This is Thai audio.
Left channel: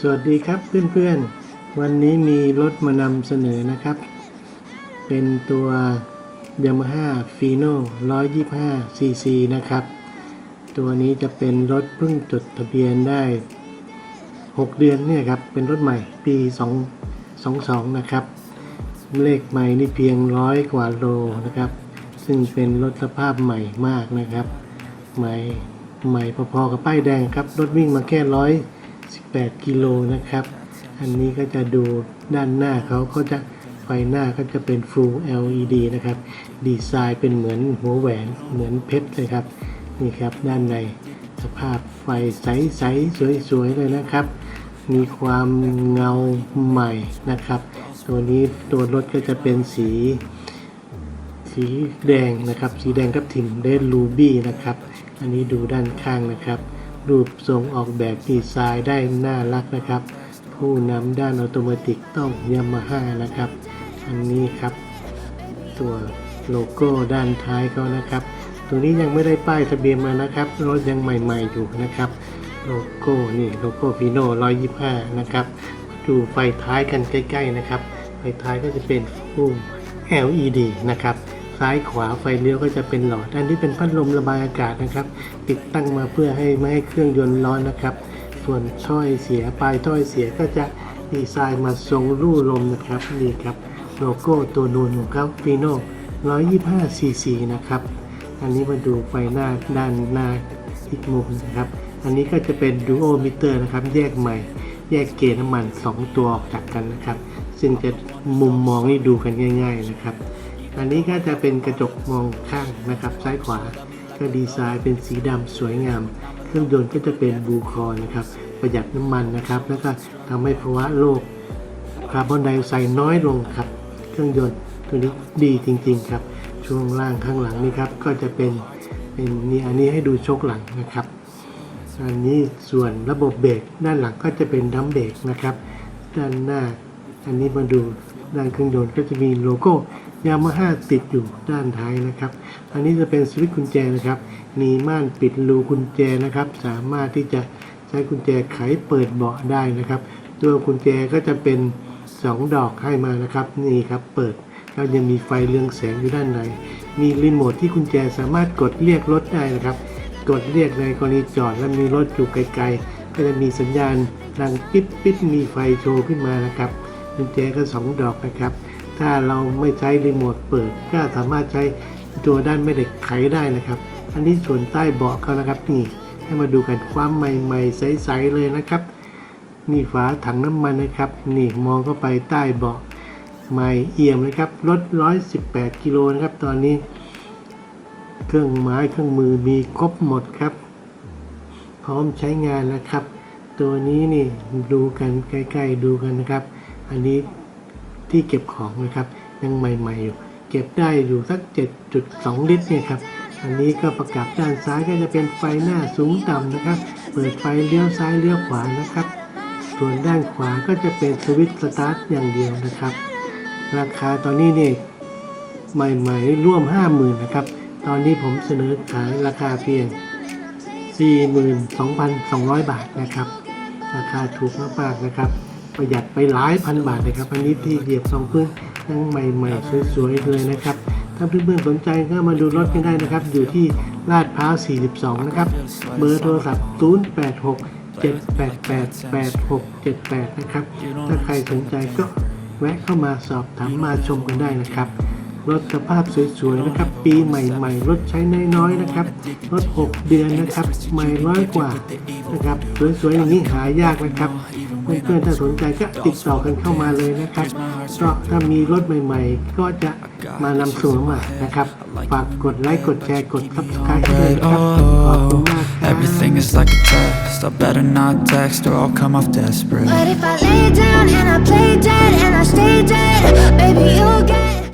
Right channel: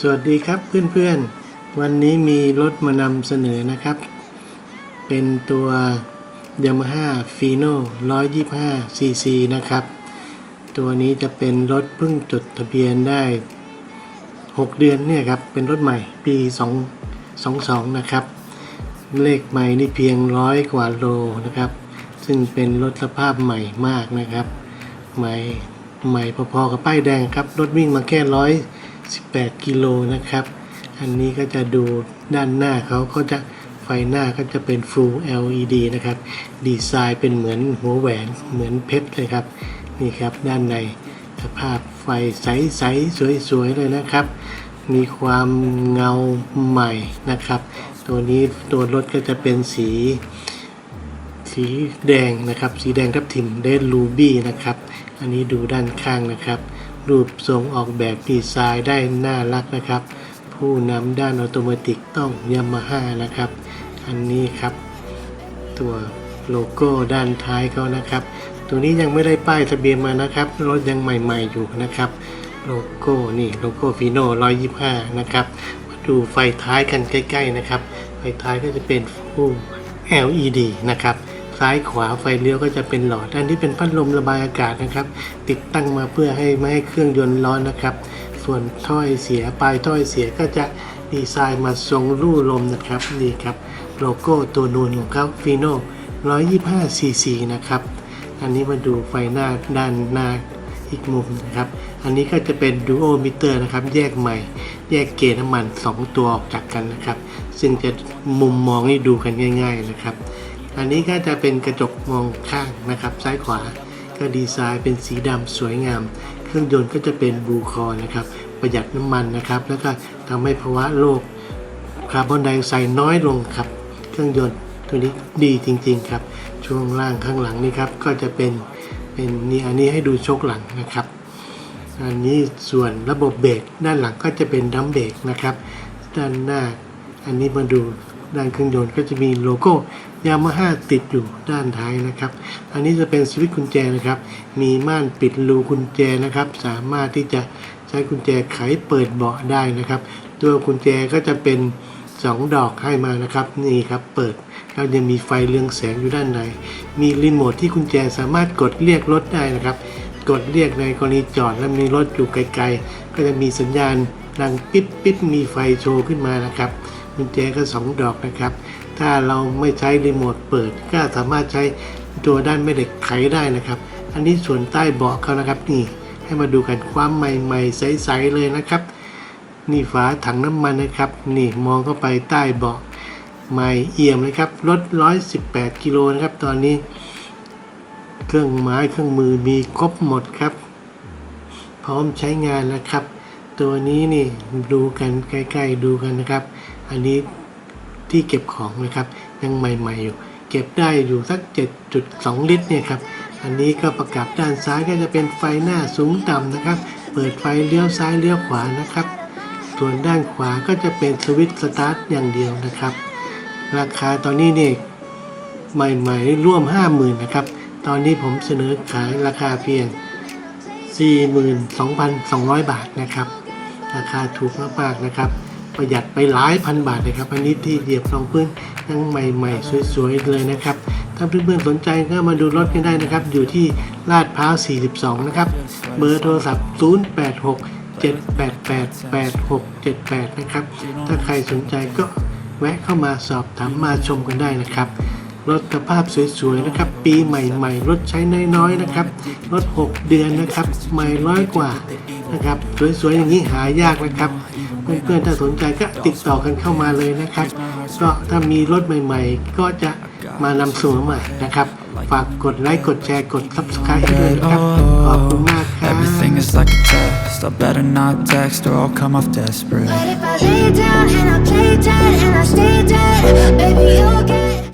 สวัสดีครับเพื่อนๆ วันนี้มีรถมานำเสนอนะครับ เป็นตัว Yamaha Fino 125 cc นะครับ ตัวนี้จะเป็นรถเพิ่งจดทะเบียนได้ 6 เดือนเนี่ยครับ เป็นรถใหม่ปี 2 22 นะครับ เลขใหม่นี่เพียงร้อยกว่าโลนะครับ ซึ่งเป็นรถสภาพใหม่มากนะครับ ใหม่ใหม่พอๆกับป้ายแดงครับ รถวิ่งมาแค่ร้อยสิบแปดกิโลนะครับ อันนี้ก็จะดูด้านหน้าเขาก็จะไฟหน้าก็จะเป็น Full LED นะครับ ดีไซน์เป็นเหมือนหัวแหวนเหมือนเพชรเลยครับ นี่ครับด้านในสภาพไฟใสๆสวยๆเลยนะครับ มีความเงาใหม่นะครับ ตัวนี้ตัวรถก็จะเป็นสี สีแดงนะครับ สีแดงทับทิมเดนลูบี้นะครับ อันนี้ดูด้านข้างนะครับ รูปทรงออกแบบดีไซน์ได้น่ารักนะครับ ผู้นำด้านออโตเมติกต้องยามาฮ่านะครับ อันนี้ครับ ตัวโลโก้ด้านท้ายเขานะครับ ตัวนี้ยังไม่ได้ป้ายทะเบียนมานะครับรถยังใหม่ๆอยู่นะครับ โลโก้นี่โลโก้ฟีโน่125 นะครับมาดูไฟท้ายกันใกล้ ๆ นะครับ ไฟท้ายก็จะเป็นฟู LED นะครับ ซ้ายขวาไฟเลี้ยวก็จะเป็นหลอด อันนี้เป็นพัดลมระบายอากาศนะครับ ติดตั้งมาเพื่อให้ไม่ให้เครื่องยนต์ร้อนนะครับ ส่วนถ้อยเสียปลายถ้อยเสียก็จะดีไซน์มาทรงรูลมนะครับนี่ครับโลโก้ตัวนูนของเขาฟีโน่125 cc นะครับ อันนี้มาดูไฟหน้าด้านหน้าอีกมุมนะครับ อันนี้ก็จะเป็นดูโอมิเตอร์นะครับ แยกใหม่ แยกเกจน้ำมัน 2 ตัวออกจากกันนะครับ ซึ่งจะมุมมองนี่ดูกันง่าย ๆนะครับ อันนี้ก็จะเป็นกระจกมองข้างนะครับ ซ้ายขวาก็ดีไซน์เป็นสีดำสวยงาม เครื่องยนต์ก็จะเป็นบูคอนะครับ ประหยัดน้ำมันนะครับ แล้วก็ทำให้ภาวะโลกคาร์บอนไดออกไซด์น้อยลงครับ เครื่องยนต์ตัวนี้ดีจริง ๆ ครับ ช่วงล่างข้างหลังนี่ครับ ก็จะเป็นเป็นนี่อันนี้ให้ดูโชคหลังนะครับ อันนี้ส่วนระบบเบรกด้านหลังก็จะเป็นดัมเบรกนะครับ ด้านหน้าอันนี้มาดู ด้านเครื่องยนต์ก็จะมีโลโก้ยามาฮ่าติดอยู่ด้านท้ายนะครับ อันนี้จะเป็นสวิตช์กุญแจนะครับ มีม่านปิดรูกุญแจนะครับ สามารถที่จะใช้กุญแจไขเปิดเบาะได้นะครับ ตัวกุญแจก็จะเป็น 2 ดอกให้มานะครับ นี่ครับเปิดแล้วยังมีไฟเรืองแสงอยู่ด้านใน มีรีโมทที่กุญแจสามารถกดเรียกรถได้นะครับ กดเรียกในกรณีจอดแล้วมีรถอยู่ไกลๆ ก็จะมีสัญญาณดังปิ๊บปิ๊บมีไฟโชว์ขึ้นมานะครับ กุญแจก็ 2 ดอกนะครับ ถ้าเราไม่ใช้รีโมทเปิด ก็สามารถใช้ตัวด้านแม่เหล็กไขได้นะครับ อันนี้ส่วนใต้เบาะเขานะครับนี่ให้มาดูกันความใหม่ๆใสๆเลยนะครับ นี่ฝาถังน้ำมันนะครับ นี่มองเข้าไปใต้เบาะใหม่เอี่ยมเลยครับรถ118 กิโลนะครับ ตอนนี้ เครื่องไม้เครื่องมือมีครบหมดครับ พร้อมใช้งานแล้วครับ ตัวนี้นี่ดูกันใกล้ๆดูกันนะครับ อันนี้ที่เก็บของนะครับยังใหม่ๆอยู่ เก็บได้อยู่สัก 7.2 ลิตรเนี่ยครับอันนี้ก็ประกับด้านซ้ายก็จะเป็นไฟหน้าสูงต่ำนะครับ เปิดไฟเลี้ยวซ้ายเลี้ยวขวานะครับ ส่วนด้านขวาก็จะเป็นสวิตช์สตาร์ทอย่างเดียวนะครับ ราคาตอนนี้เนี่ยใหม่ๆร่วม 50,000นะครับ ตอนนี้ผมเสนอขายราคาเพียง 42,200 บาทนะครับ ราคาถูกมากๆนะครับ ประหยัดไปหลายพันบาทเลยครับอันนี้ที่เดียบรองพื้นยังใหม่ๆ สวยๆ เลยนะครับ ถ้าเพื่อนๆ สนใจก็มาดูรถกันได้นะครับ อยู่ที่ลาดพร้าว 42 นะครับ เบอร์โทรศัพท์ 086 788 8678 นะครับ ถ้าใครสนใจก็แวะเข้ามาสอบถามมาชมกันได้นะครับ รถสภาพสวยๆนะครับ ปีใหม่ๆ รถใช้น้อยๆนะครับ รถ 6 เดือนนะครับใหม่ร้อยกว่านะครับสวยๆอย่างนี้หายากนะครับ เพื่อนๆถ้าสนใจก็ติดต่อกันเข้ามาเลยนะครับก็ถ้ามีรถใหม่ๆ ก็จะมานำเสนอใหม่นะครับฝากกดไลค์กดแชร์กด subscribe ให้ด้วยนะครับขอบคุณมากครับ Everything is like a test. I better not text or I'll come off desperate. But if I lay down and I play dead and I stay dead, maybe you'll get